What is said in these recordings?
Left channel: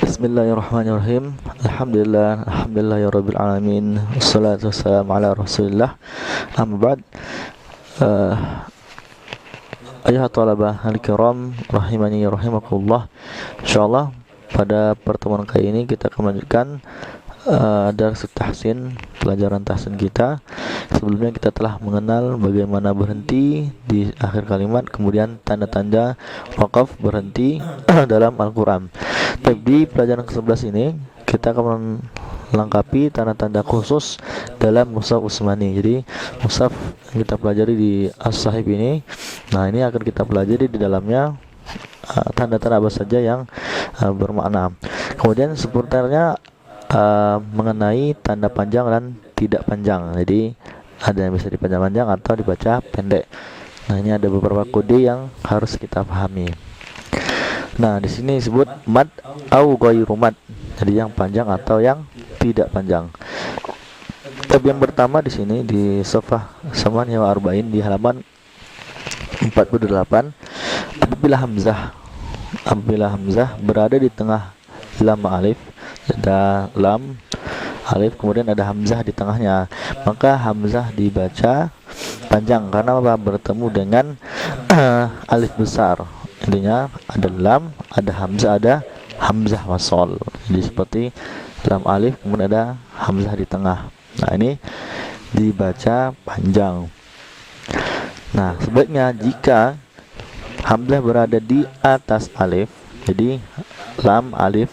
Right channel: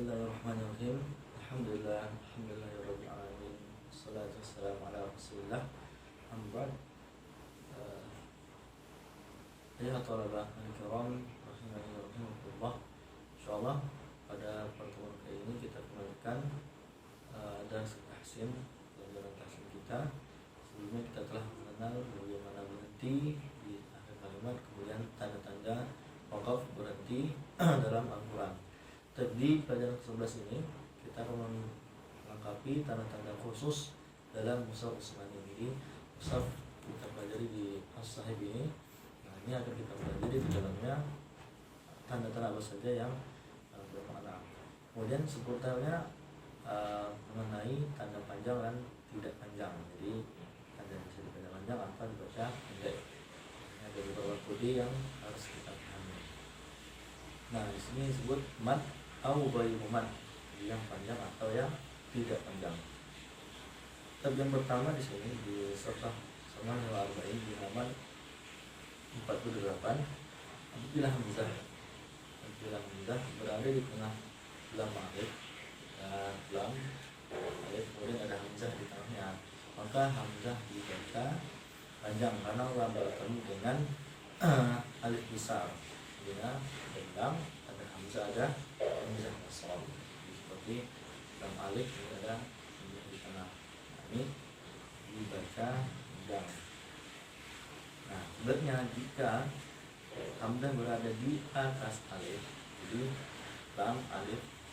Bismillahirrahmanirrahim. Alhamdulillah ya rabbil alamin. Wassalatu wassalamu ala Rasulillah. Amma ba'd. Uh, Ayuhat talabah al-kiram rahimani rahimakumullah. Insyaallah pada pertemuan kali ini kita akan melanjutkan dars tahsin, pelajaran tahsin kita. Sebelumnya kita telah mengenal bagaimana berhenti di akhir kalimat, kemudian tanda-tanda waqaf berhenti dalam Al-Quran. Tapi di pelajaran ke-11 ini kita akan melengkapi tanda-tanda khusus dalam mushaf Utsmani. Jadi mushaf yang kita pelajari di As-Sahih ini, nah ini akan kita pelajari di dalamnya tanda-tanda apa saja yang bermakna. Kemudian seputarnya mengenai tanda panjang dan tidak panjang. Jadi ada yang bisa dipanjang-panjang atau dibaca pendek. Nah, ini ada beberapa kode yang harus kita pahami. Nah, di sini disebut mad au ghairu mad. Jadi yang panjang atau yang tidak panjang. Tab yang pertama di sini di Safah Samaniyah wa Arba'in di halaman 48. Apabila hamzah berada di tengah lam alif, ada lam alif kemudian ada hamzah di tengahnya, maka hamzah dibaca panjang karena apa? Bertemu dengan alif besar. Intinya ada lam, ada hamzah wasol. Jadi seperti lam alif kemudian ada hamzah di tengah. Nah, ini dibaca panjang. Nah, sebaliknya jika hamzah berada di atas alif, jadi lam alif,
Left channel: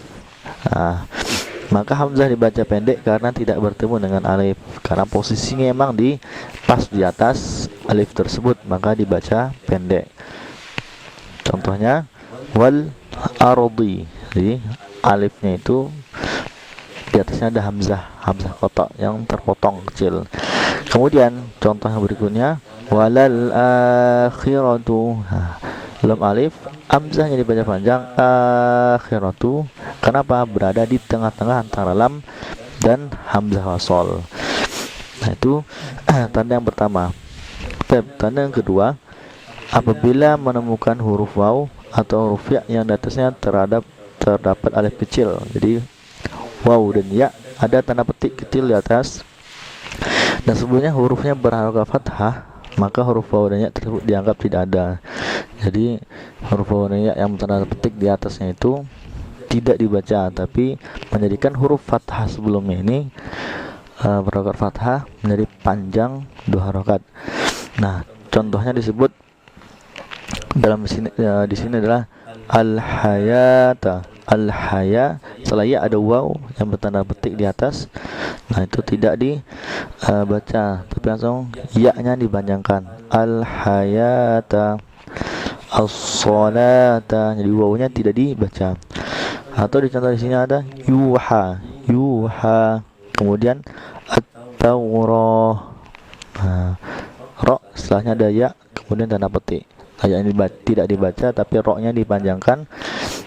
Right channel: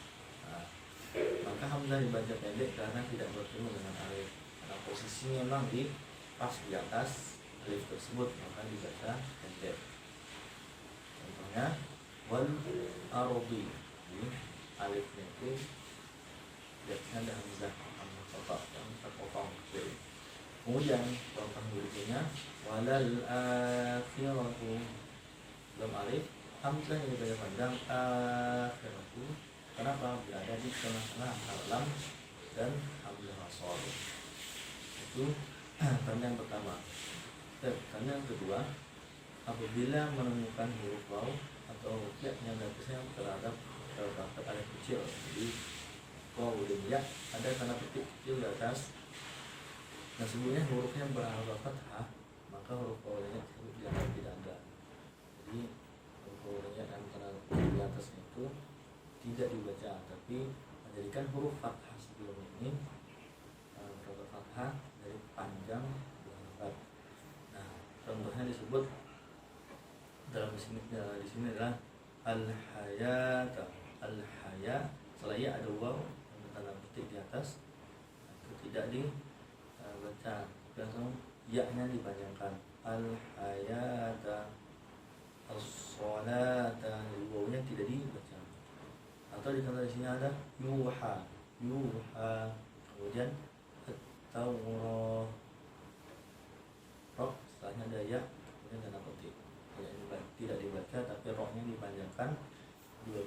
maka hamzah dibaca pendek karena tidak bertemu dengan alif. Karena posisinya emang pas di atas alif tersebut, maka dibaca pendek. Contohnya wal ardi. Jadi alifnya itu di atasnya ada hamzah kotak yang terpotong kecil. Kemudian contoh yang berikutnya walal akhiratu. Lam alif, hamzahnya dibaca panjang, akhiratu. Kenapa? Berada di tengah-tengah antara lam dan hamzah wasol. Nah, itu tanda yang pertama. Tanda yang kedua, apabila menemukan huruf waw atau huruf ya yang di atasnya terdapat alif kecil. Jadi waw dan ya ada tanda petik kecil di atas, dan sebelumnya hurufnya berharokat fathah, maka huruf waw dan ya tersebut dianggap tidak ada. Jadi huruf waw dan ya yang tanda petik di atasnya itu tidak dibaca, tapi menjadikan huruf fathah sebelumnya ini berharokat fathah menjadi panjang 2 harokat. Nah, contohnya disebut dalam sini, di sini adalah al-hayata. Al-haya, setelah ya ada waw yang bertanda petik di atas. Nah, itu tidak dibaca, tapi langsung ya-nya dipanjangkan. Al-hayata, as-salata. Jadi waw-nya tidak dibaca. Atau di contoh di sini ada yuha. Kemudian at-taurah. Ro setelahnya ada ya, kemudian tanda petik. Ya ini tidak dibaca, tapi ro-nya dipanjangkan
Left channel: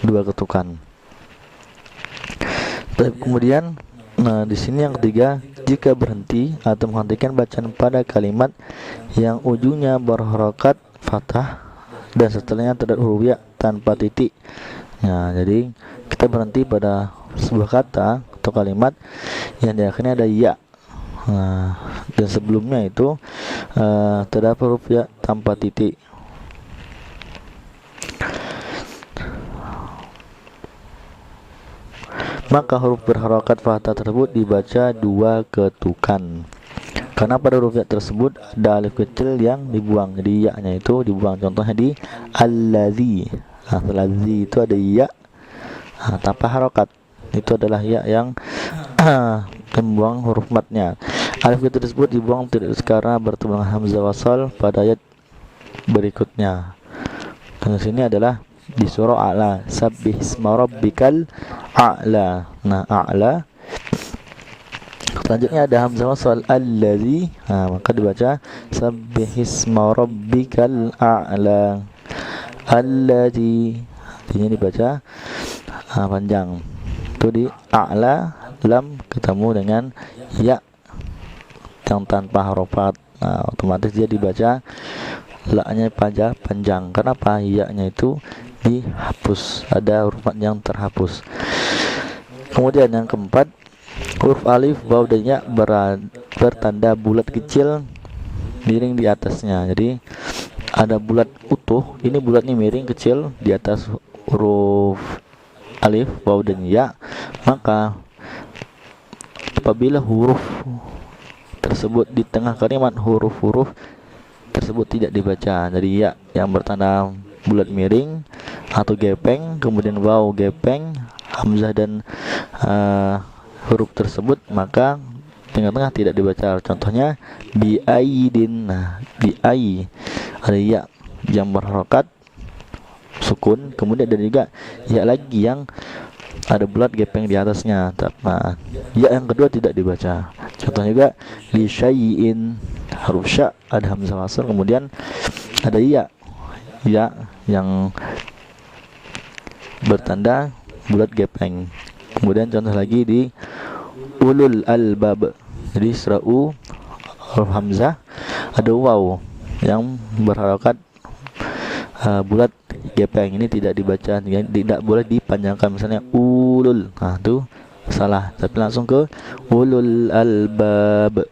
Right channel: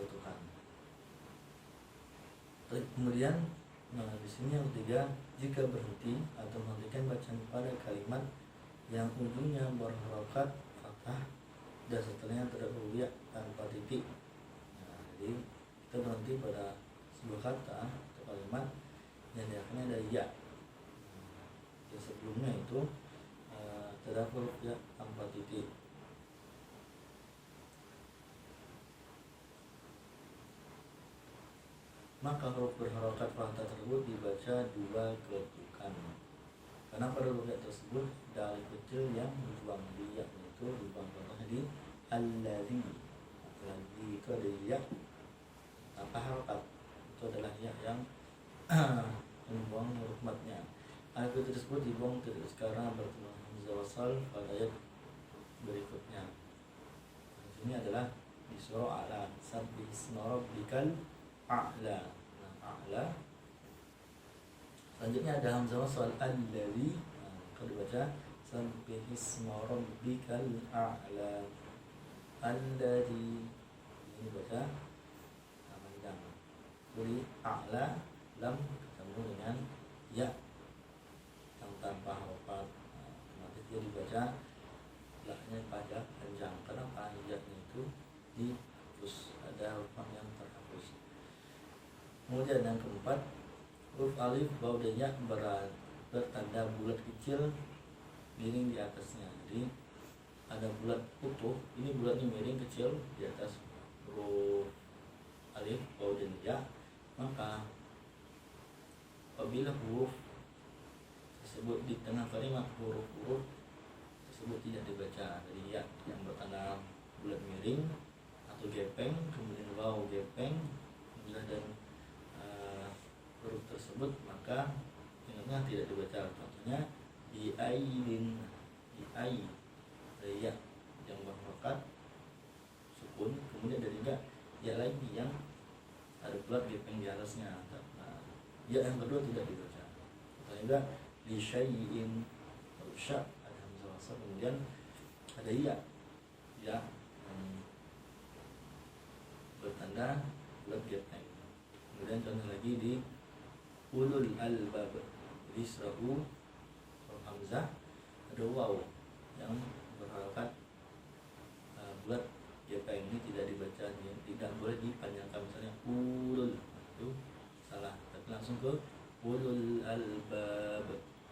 2 ketukan. Kemudian, nah di sini yang ketiga, jika berhenti atau menghentikan bacaan pada kalimat yang ujungnya berharokat fathah dan setelahnya terdapat huruf ya tanpa titik. Nah, jadi kita berhenti pada sebuah kata atau kalimat yang di akhirnya ada ya. Nah, dan sebelumnya itu terdapat huruf ya tanpa titik. Maka huruf berharokat fathah tersebut dibaca 2 ketukan. Karena pada huruf ya tersebut ada alif kecil yang dibuang, jadi ya-nya itu dibuang. Contohnya di allazi. Nah, allazi itu ada ya tanpa harokat. Itu adalah ya yang membuang huruf matnya. Alif kecil tersebut dibuang tidak karena bertemu dengan hamzah wasal pada ayat berikutnya. Dan sini adalah di surah A'la, sabbih isma rabbikal a'la. Nah, a'la selanjutnya ada hamzah wasal allazi, maka dibaca sabbih isma rabbikal a'la. Allazi, ini dibaca panjang. Itu di a'la, lam ketemu dengan ya yang tanpa harofat. Nah, otomatis dia dibaca la-nya panjang. Kenapa? Ya-nya itu dihapus, ada huruf yang terhapus. Kemudian yang keempat, huruf alif, waw dan ya bertanda bulat kecil miring di atasnya. Jadi ada bulat utuh, ini bulatnya miring kecil di atas huruf alif, waw dan ya, maka apabila huruf tersebut di tengah kalimat, huruf-huruf tersebut tidak dibaca. Jadi ya yang bertanda bulat miring atau gepeng, kemudian waw gepeng, hamzah dan huruf tersebut, maka tengah-tengah tidak dibaca. Contohnya bi aidin. Nah, bi ai ada ya yang berharokat sukun, kemudian ada juga ya lagi yang ada bulat gepeng di atasnya. Nah, ya yang kedua tidak dibaca. Contohnya juga bi syai'in, huruf sya ada hamzah wasl, kemudian ada ya yang bertanda bulat gepeng. Kemudian contoh lagi di ulul albab, jadi serau huruf hamzah ada waw yang berharokat bulat gepeng, ini tidak dibaca, tidak boleh dipanjangkan. Misalnya ulul, nah itu salah, tapi langsung ke ulul albab.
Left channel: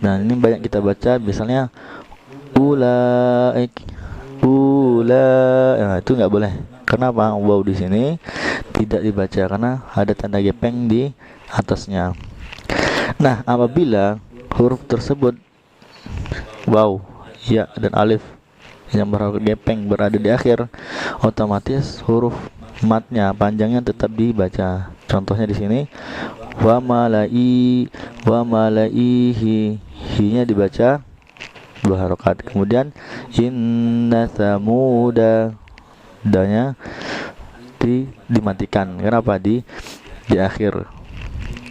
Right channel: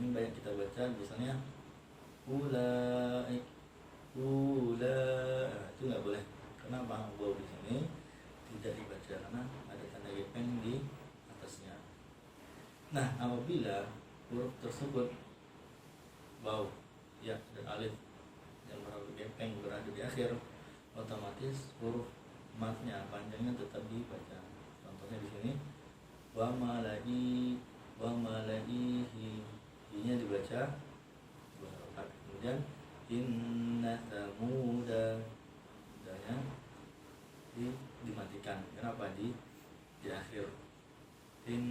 Nah ini banyak kita baca, misalnya ulaik, nah itu nggak boleh. Kenapa? Waw di sini tidak dibaca karena ada tanda gepeng di atasnya. Nah apabila huruf tersebut waw, ya dan alif yang berharokat gepeng berada di akhir, otomatis huruf matnya panjangnya tetap dibaca. Contohnya di sini wa malaihi, hi-nya dibaca dua harokat. Kemudian inna samuda, danya dimatikan. Kenapa? Di akhir.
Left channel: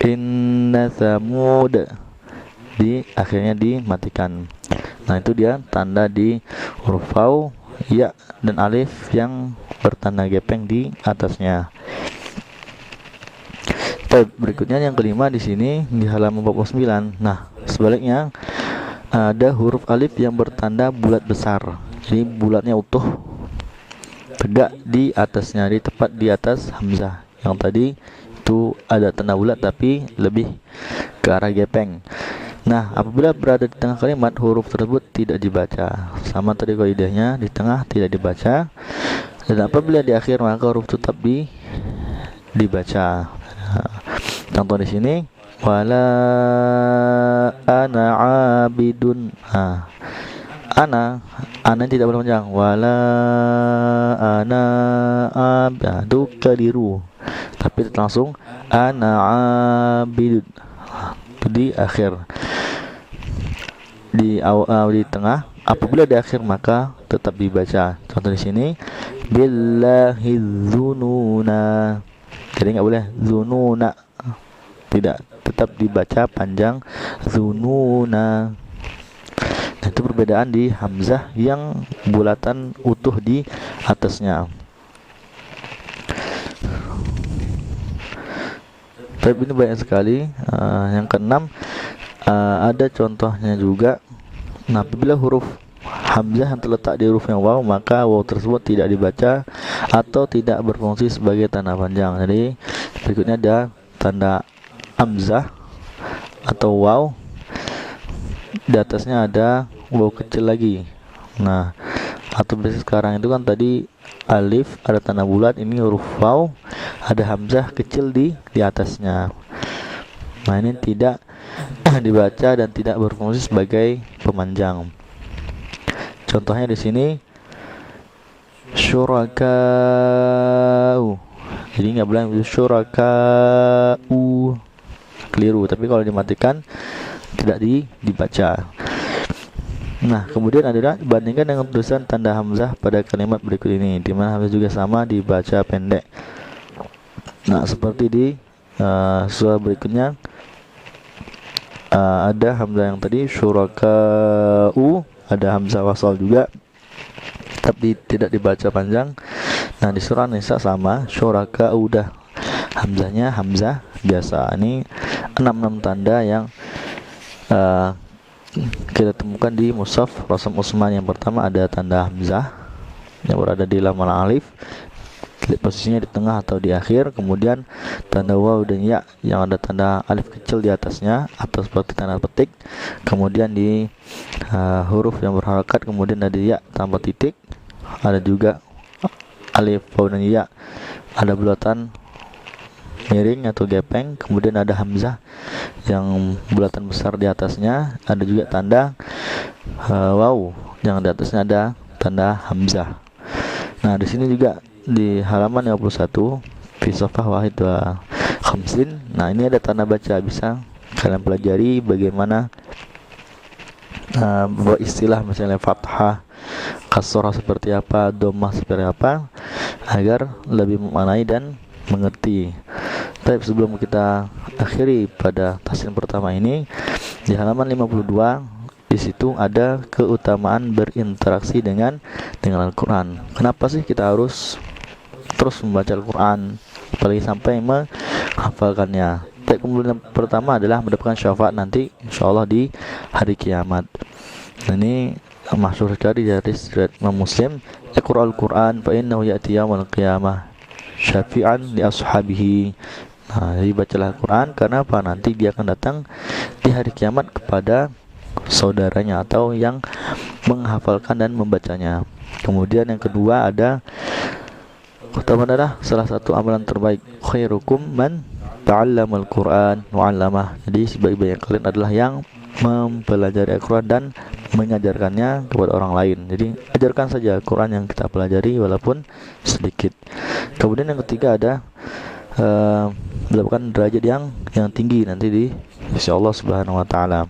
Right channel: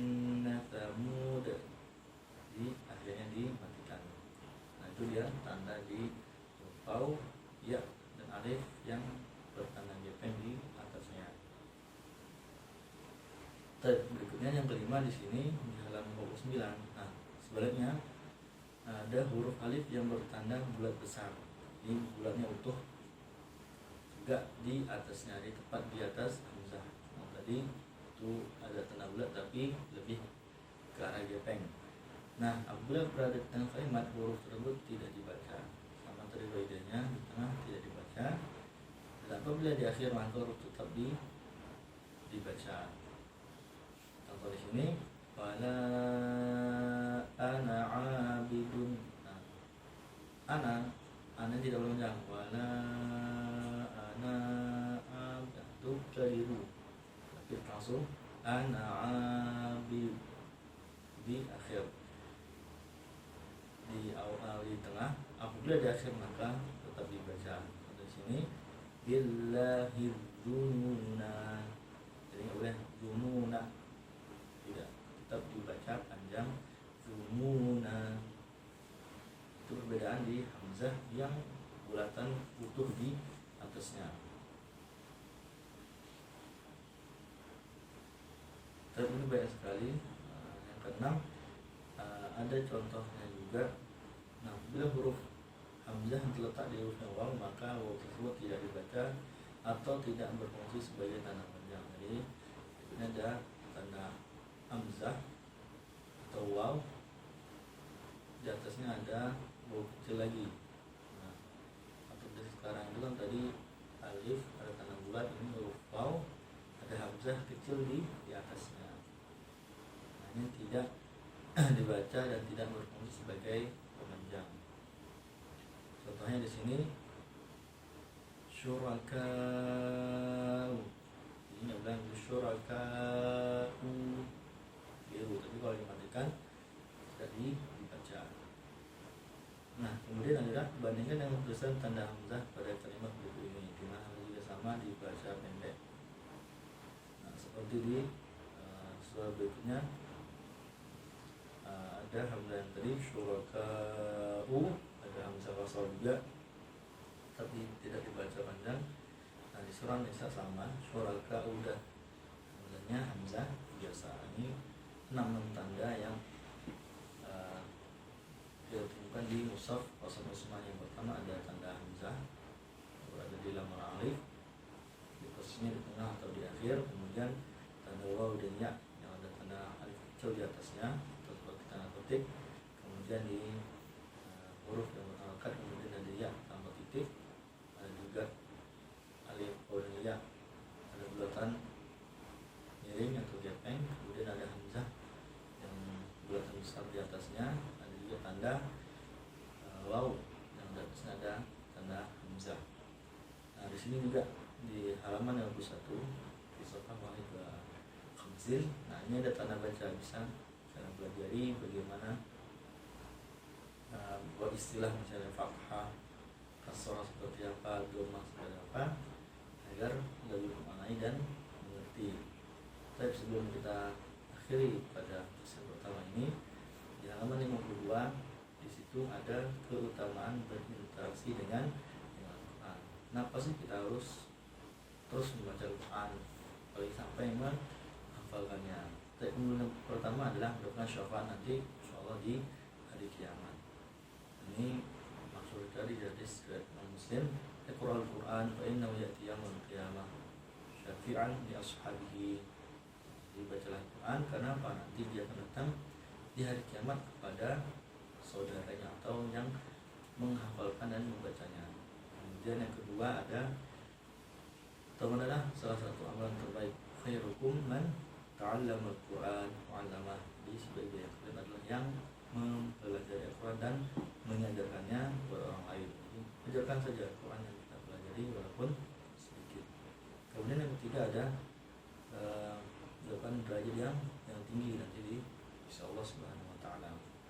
Inna samud, di akhirnya dimatikan. Nah itu dia tanda di huruf waw, ya dan alif yang bertanda gepeng di atasnya. Berikutnya yang kelima di sini di halaman 49. Nah sebaliknya ada huruf alif yang bertanda bulat besar, jadi bulatnya utuh tegak di atasnya, di tepat di atas hamzah. Yang tadi itu ada tanda bulat tapi lebih ke arah gepeng. Nah apabila berada di tengah kalimat, huruf tersebut tidak dibaca. Sama tadi kaidahnya, di tengah tidak dibaca, dan apabila di akhir maka huruf tetap dibaca. Contoh di sini wala ana abidun. Ana tidak boleh panjang. Wala ana itu keliru, tapi langsung ana abidun di akhir. Di awal, di tengah. Apabila di akhir maka tetap dibaca. Contoh di sini billahi dzununa, jadi nggak boleh zununa, tidak, tetap dibaca panjang zununa. Nah, itu perbedaan di hamzah yang bulatan utuh di atasnya. Tapi ini banyak sekali. Yang keenam, ada contohnya juga. Nah apabila huruf hamzah yang terletak di huruf yang waw, maka waw tersebut tidak dibaca atau tidak berfungsi sebagai tanda panjang. Jadi berikutnya ada tanda hamzah atau waw, di atasnya ada waw kecil lagi. Nah atau biasa sekarang itu kan tadi alif ada tanda bulat, ini huruf waw ada hamzah kecil di atasnya. Nah ini tidak dibaca dan tidak berfungsi sebagai pemanjang. Contohnya di sini syurakau, jadi nggak boleh syurakau, keliru. Tapi kalau dimatikan tidak dibaca. Nah kemudian ada bandingkan dengan tulisan tanda hamzah pada kalimat berikut ini, di mana hamzah juga sama dibaca pendek. Nah seperti di surah berikutnya, ada hamzah yang tadi syurakau, ada hamzah wasal juga tapi tidak dibaca panjang. Nah di surah Nisa sama syurakau, udah hamzahnya hamzah biasa. Ini 6 tanda yang kita temukan di mushaf Rasam Utsman. Yang pertama ada tanda hamzah yang berada di lamal alif. posisinya di tengah atau di akhir, kemudian tanda waw dan ya yang ada tanda alif kecil di atasnya atau seperti tanda petik, kemudian di huruf yang berharokat kemudian ada ya tambah titik, ada juga alif waw dan ya ada bulatan miring atau gepeng, kemudian ada hamzah yang bulatan besar di atasnya, ada juga tanda waw yang di atasnya ada tanda hamzah. Nah, di sini juga di halaman 51 fi safhah wahid wa khamsin. Nah, ini ada tanda baca, bisa kalian pelajari bagaimana istilah misalnya fathah, kasrah seperti apa, dhammah seperti apa, agar lebih memaknai dan mengerti. Tapi sebelum kita akhiri pada taslim pertama ini, di halaman 52 di situ ada keutamaan berinteraksi dengan Al-Quran. Kenapa sih kita harus terus membaca Al-Quran, apalagi sampai menghafalkannya? Kemudian pertama adalah mendapatkan syafaat nanti insyaallah di hari kiamat. Ini masyhur sekali dari riwayat Muslim, Iqra'ul Quran fa innahu ya'ti yaumil qiyamah syafi'an li ashabihi. Nah, jadi bacalah Al-Quran karena apa? Nanti dia akan datang di hari kiamat kepada saudaranya atau yang menghafalkan dan membacanya. Kemudian yang kedua ada utama adalah salah satu amalan terbaik, khairukum man ta'allamal Qur'an wa 'allamah. Jadi sebaik-baik kalian adalah yang mempelajari Al-Quran dan mengajarkannya kepada orang lain. Jadi ajarkan saja Al-Quran yang kita pelajari walaupun sedikit. Kemudian yang ketiga ada mendapatkan derajat yang tinggi nanti di sisi Allah Subhanahu wa taala.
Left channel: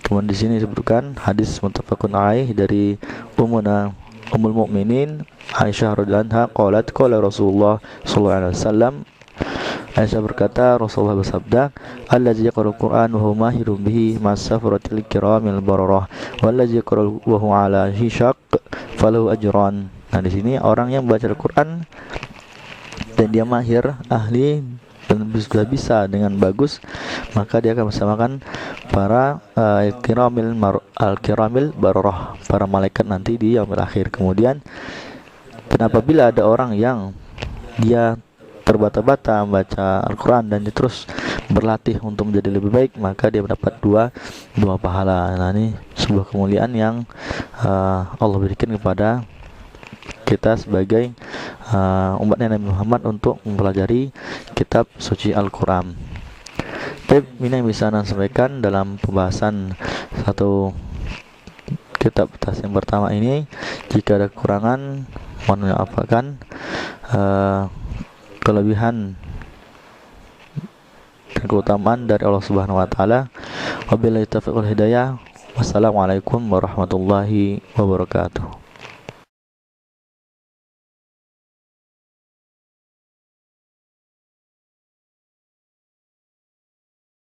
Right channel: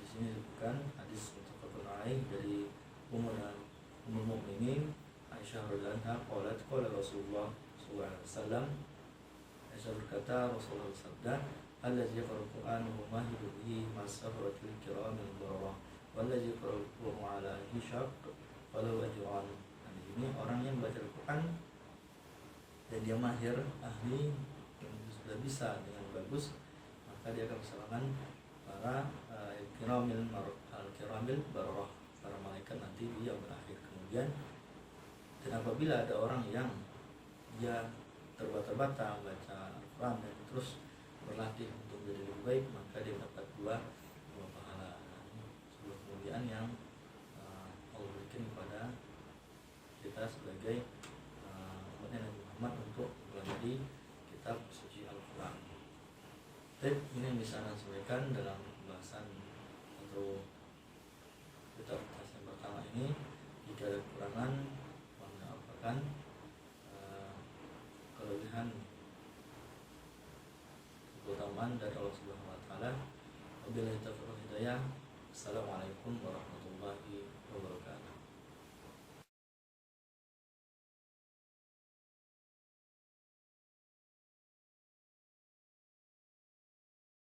Kemudian di sini disebutkan hadis muttafaqun alaih dari Ummul Mukminin Aisyah radhiyallahu anha qalat qala Rasulullah sallallahu alaihi wasallam. Aisyah berkata, Rasulullah bersabda, allazi yaqra'ul Qur'an wa huwa mahirun bihi masafaratil kiramil bararah wallazi yaqra'u wa huwa ala hishaq falahu ajran. Nah, di sini orang yang membaca Al-Qur'an dan dia mahir, ahli dan sudah bisa dengan bagus, maka dia akan bersamakan para al-kiramil bararah, para malaikat nanti di yaumil akhir. Kemudian dan apabila ada orang yang dia terbata-bata membaca Al-Quran dan dia terus berlatih untuk menjadi lebih baik, maka dia mendapat dua pahala. Nah, ini sebuah kemuliaan yang Allah berikan kepada kita sebagai umatnya Nabi Muhammad untuk mempelajari kitab suci Al-Quran. Tapi ini yang bisa saya sampaikan dalam pembahasan satu kitab tas yang pertama ini. Jika ada kekurangan, mohon maafkan. Kelebihan dan keutamaan dari Allah Subhanahu wa taala. Wabillahi taufiq wal hidayah. Wassalamualaikum warahmatullahi wabarakatuh.